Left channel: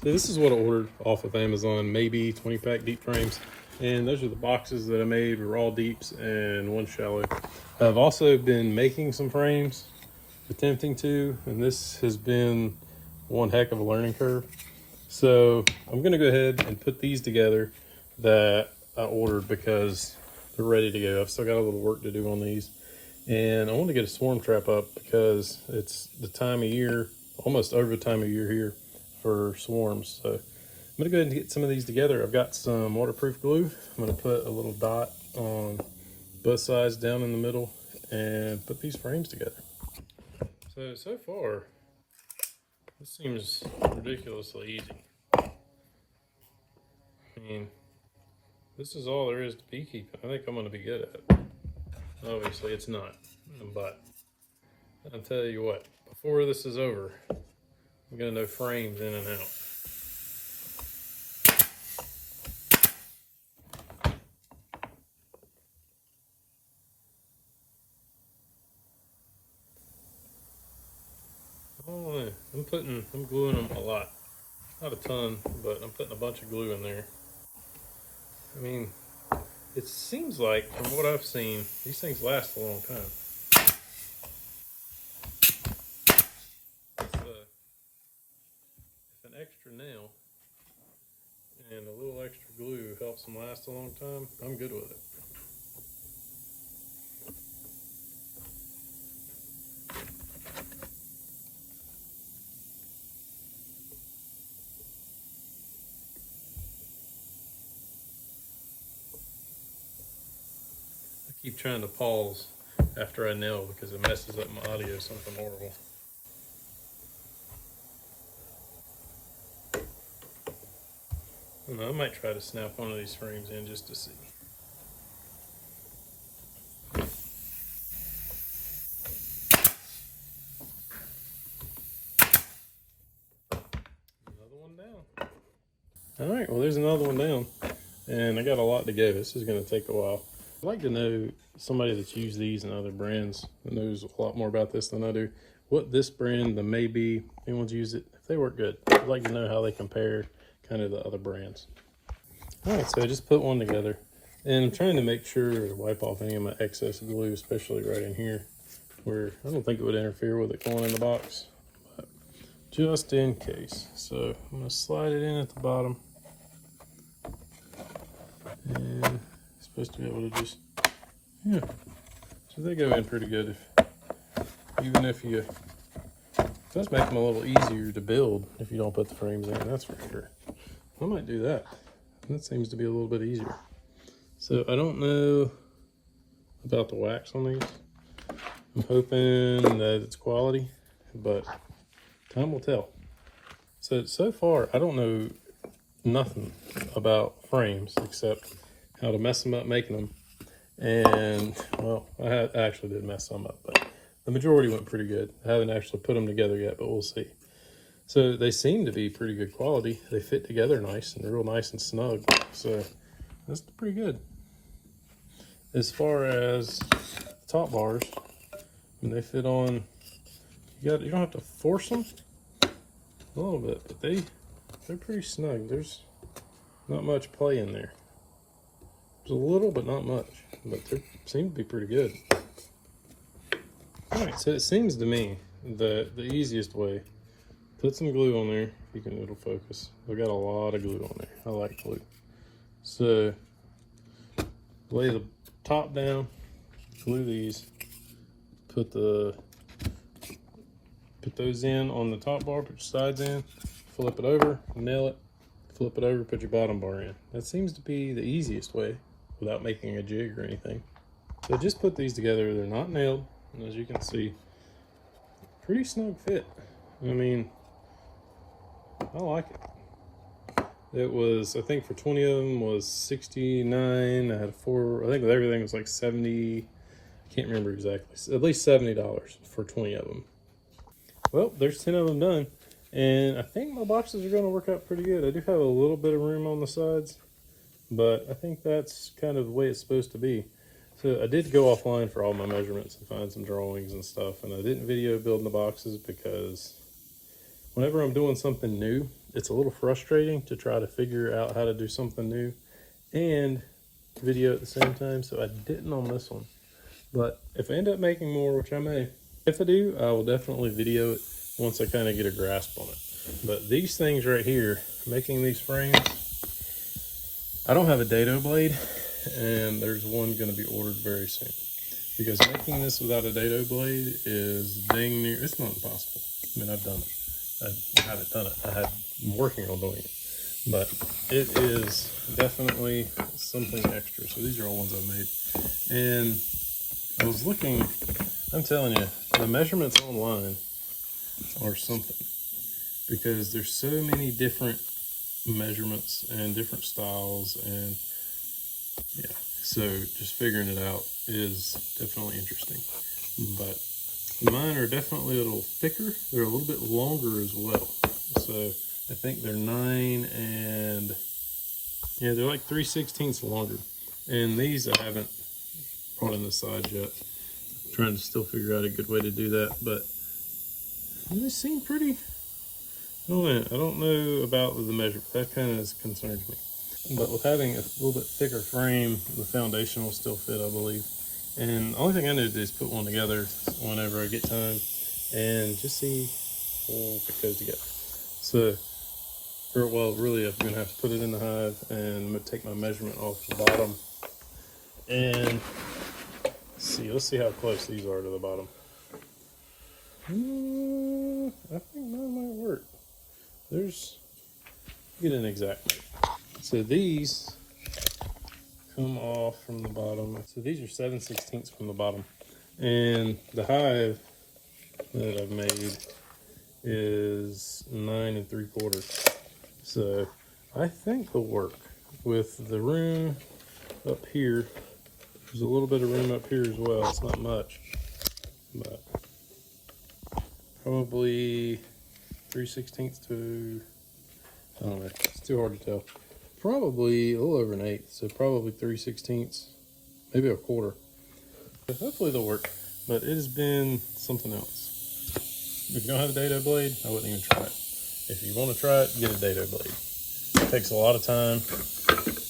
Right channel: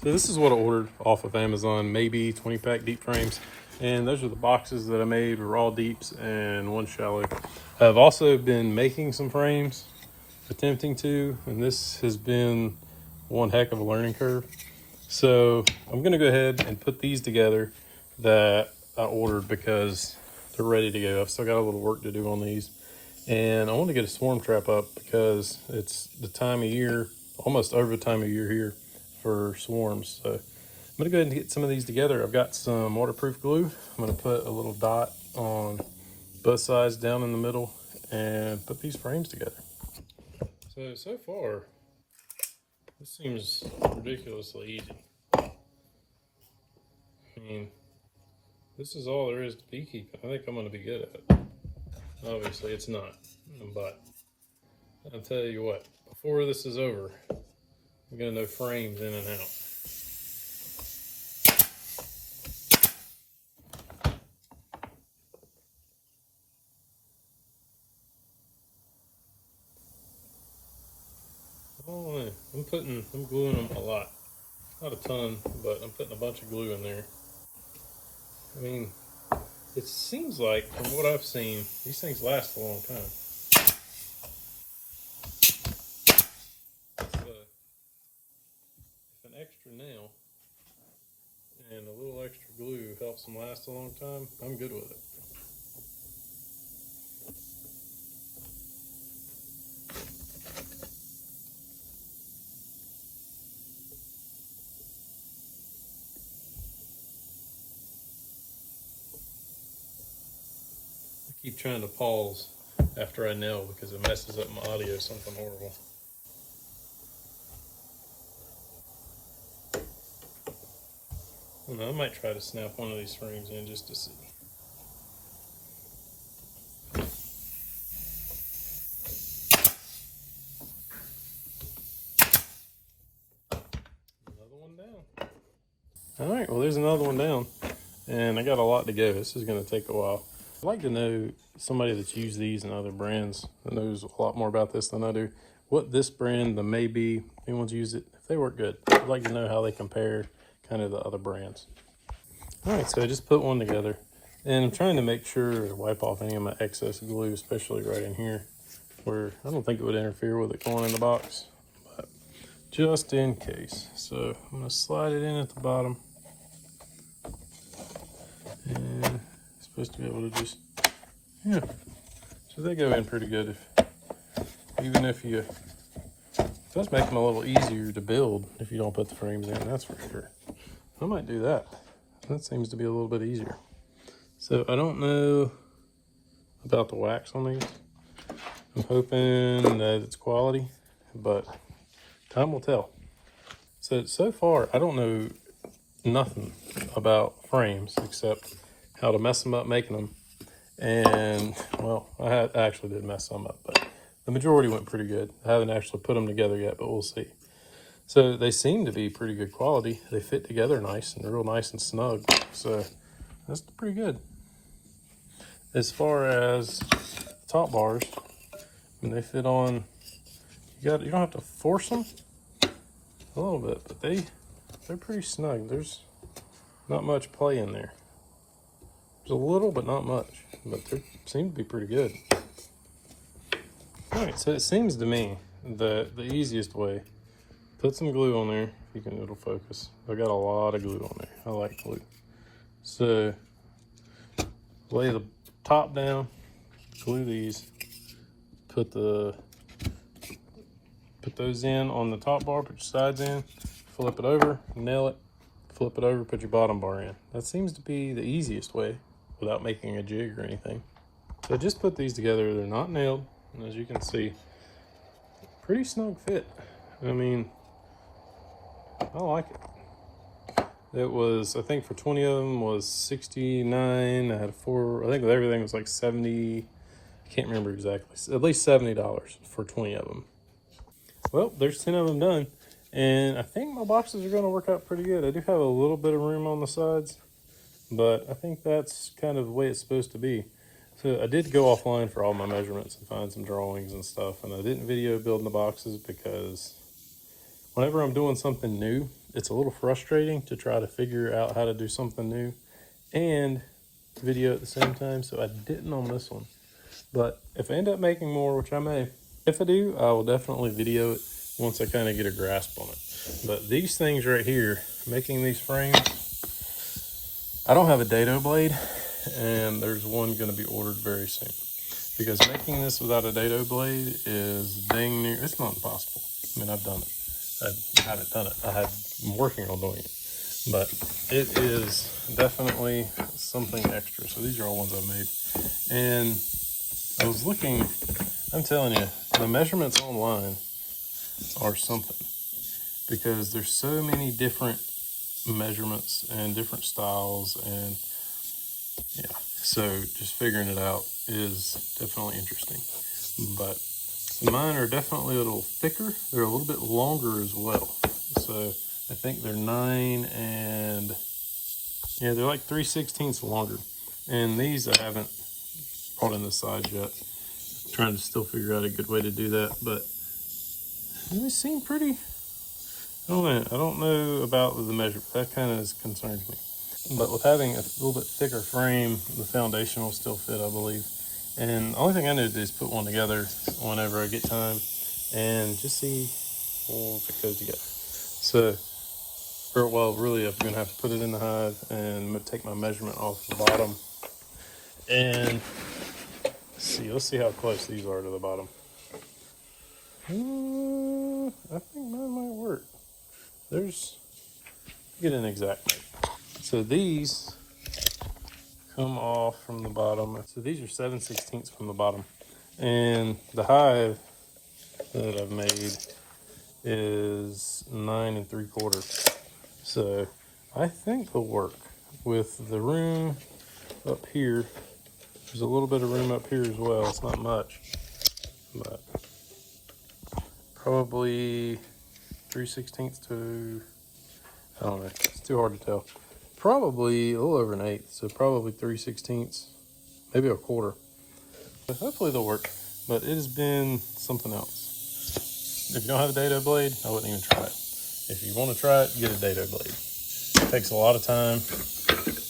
So this is what I ordered off of Amazon, maybe 20-pack deep frames. And those are the boxes that I made, raw deeps and one shallow. I've also been making some frames, attempting to, and this has been one heck of a learning curve. So I'm gonna go ahead and put these together that I ordered because they're ready to go. I've still got a little work to do on these. And I want to get a swarm trap up because it's the time of year, almost over the time of year here for swarms. So I'm gonna go ahead and get some of these together. I've got some waterproof glue. I'm gonna put a little dot on both sides down in the middle and put these frames together. So far, this seems ridiculously easy. I mean, this is all there is to beekeeping. I think I'm gonna be good at it. Obviously it's not, but I'll tell you what, before this is over, I'm gonna know frames in and out. Oh, I'm gluing them a lot. Not a ton, but I'm putting a bunch of glue in there. I mean, it seems like, from what I've seen, these things last a long time. If an extra nail and a little extra glue helps them last a long time, I'm good with it. I keep trying to pause after I nail because it messes up my audio, something horrible. I don't know, I might try to snap one of these frames in just to see. Another one down. All right, well, there's another one down, and I got a lot to go. This is going to take a while. I'd like to know somebody that's used these and other brands that knows a lot more about this than I do. What this brand, the Maybe, anyone's used it, if they work good. I'd like to know how they compare kind of the other brands. All right, so I just put one together, and I'm trying to make sure to wipe off any of my excess glue, especially right in here, where I don't think it would interfere with it going in the box, but just in case. So I'm gonna slide it in at the bottom. And it's supposed to be able to just, yeah. So they go in pretty good. Even if you, it does make them a little easier to build if you don't put the frames in, that's for sure. I might do that. That seems to be a little bit easier. So I don't know about the wax on these. I'm hoping that it's quality, but time will tell. So far, I don't know nothing about frames except how to mess them up making them. And, well, I actually did mess some up, but the majority went pretty good. I haven't actually put them together yet, but we'll see. So they seem to be pretty good quality. They fit together nice, and they're real nice and snug. So that's pretty good. As far as top bars, when they fit on, you don't have to force them a little bit, but they're pretty snug. There's not much play in there. There's a little, but not much. But they seem to be pretty good. All right, so it seems to me that the easiest way, put some glue on there. It'll focus. I got a lot of glue on there. I like glue. So lay the top down, glue these, put those in on the top bar, put your sides in, flip it over, nail it, flip it over, put your bottom bar in. That seems to be the easiest way without making a jig or anything. So just put these together. They're not nailed, and as you can see, pretty snug fit. I mean, I like it. It was, I think for 20 of them was $69. I had I think everything was like 70. I can't remember exactly. At least $70 for 20 of them. Well, there's 10 of them done. And I think my boxes are going to work out pretty good. I do have a little bit of room on the sides, but I think that's kind of the way it's supposed to be. So I did go offline for all my measurements and find some drawings and stuff, and I didn't video building the boxes because whenever I'm doing something new, it's a little frustrating to try to figure out how to do something new and video at the same time, so I didn't on this one. But if I end up making more, which I may, if I do, I will definitely video it once I kind of get a grasp on it. But these things right here, making these frames, I don't have a dado blade, and there's one going to be ordered very soon. Because making this without a dado blade is dang near, it's not impossible. I mean, I've done it. I haven't done it. I'm working on doing it. But it is definitely something extra. So these are all ones I made. And I was looking, I'm telling you, the measurements online are something. Because there's so many different measurements and different styles, and yeah, so just figuring it out is definitely interesting. But mine are definitely a little thicker. They're a little bit longer as well. So I think they're 9 and yeah, they're like 3/16 longer. And these I haven't brought in the sides yet. I'm trying to still figure out a good way to do that, but they seem pretty. I don't know about the measurement. That kind of concerns me. But with having a little bit thicker frame, the foundation will still fit, I believe. And the only thing I need to do is put one together whenever I get time and just see if it goes together. So, well, really, I'm going to have to put it in the hive and take my measurement off the bottom. And let's see how close these are to the bottom. I think mine might work. Get an exact measure. So these come off from the bottom. So these are 7/16 from the bottom. And the hive that I've made is 9 3/4. So I think they'll work with the room up here. There's a little bit of room up here as well. It's not much, but probably 3/16 to, I don't know, it's too hard to tell. Probably a little over an 1/8, so probably 3/16, maybe 1/4. But hopefully they'll work, but it has been something else. If you don't have a dado blade, I wouldn't even try it. If you want to try it, get a dado blade. It takes a lot of time,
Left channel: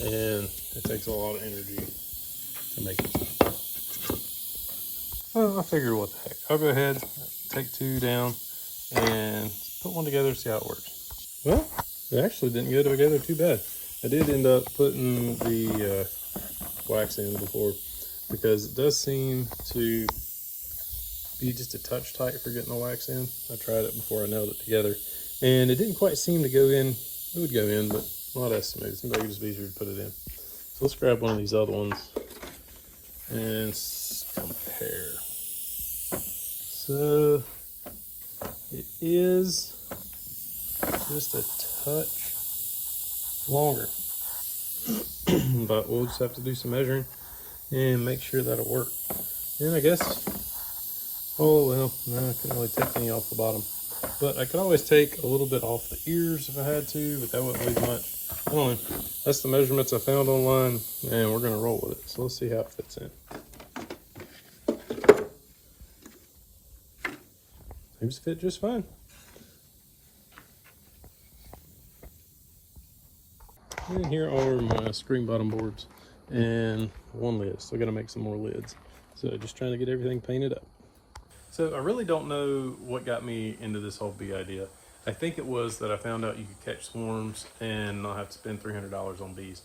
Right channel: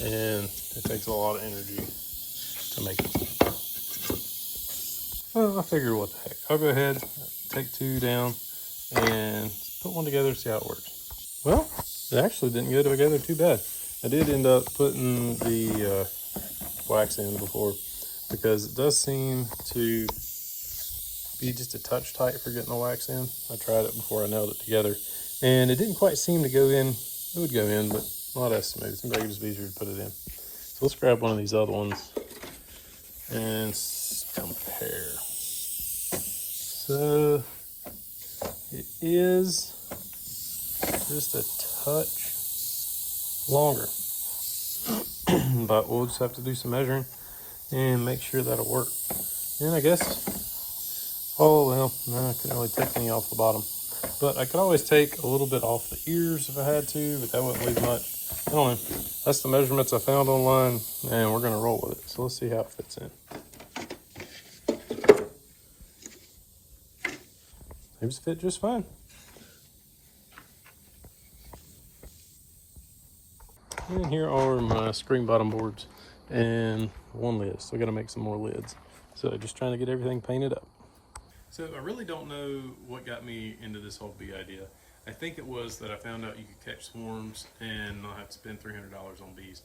and it takes a lot of energy to make it. I figure what the heck. I'll go ahead, take 2 down, and put one together, see how it works. Well, it actually didn't go together too bad. I did end up putting the wax in before, because it does seem to be just a touch tight for getting the wax in. I tried it before I nailed it together, and it didn't quite seem to go in. It would go in, but not as smooth. It seems like it was easier to put it in. So let's grab one of these other ones and compare. So it is just a touch longer, but we'll just have to do some measuring and make sure that'll work. And I guess, oh well, no, I couldn't really take any off the bottom, but I could always take a little bit off the ears if I had to, but that wouldn't leave much. I don't know. That's the measurements I found online, and we're gonna roll with it. So let's see how it fits in. Seems to fit just fine. And here are my screen bottom boards and one lid. So I got to make some more lids. So just trying to get everything painted up. So I really don't know what got me into this whole bee idea. I think it was that I found out you could catch swarms and not have to spend $300 on bees.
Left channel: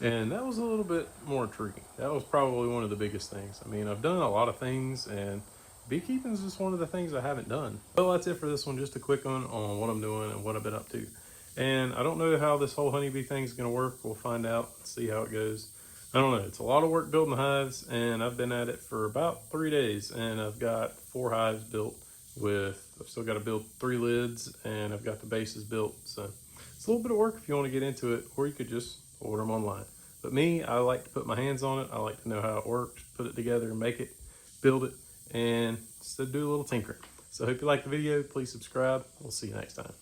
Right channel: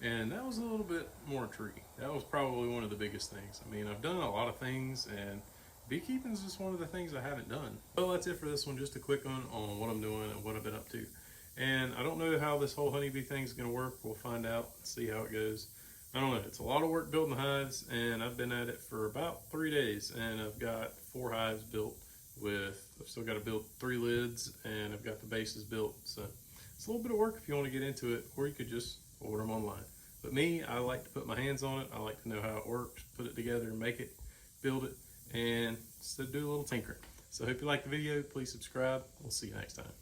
And that was a little bit more intriguing. That was probably one of the biggest things. I mean, I've done a lot of things, and beekeeping is just one of the things I haven't done. Well, that's it for this one. Just a quick one on what I'm doing and what I've been up to. And I don't know how this whole honeybee thing is going to work. We'll find out, see how it goes. I don't know. It's a lot of work building the hives, and I've been at it for about 3 days, and I've got 4 hives built I've still got to build 3 lids, and I've got the bases built. So it's a little bit of work if you want to get into it, or you could just order them online. But me, I like to put my hands on it. I like to know how it works, put it together, make it, build it, and just do a little tinkering. So I hope you liked the video. Please subscribe. We'll see you next time.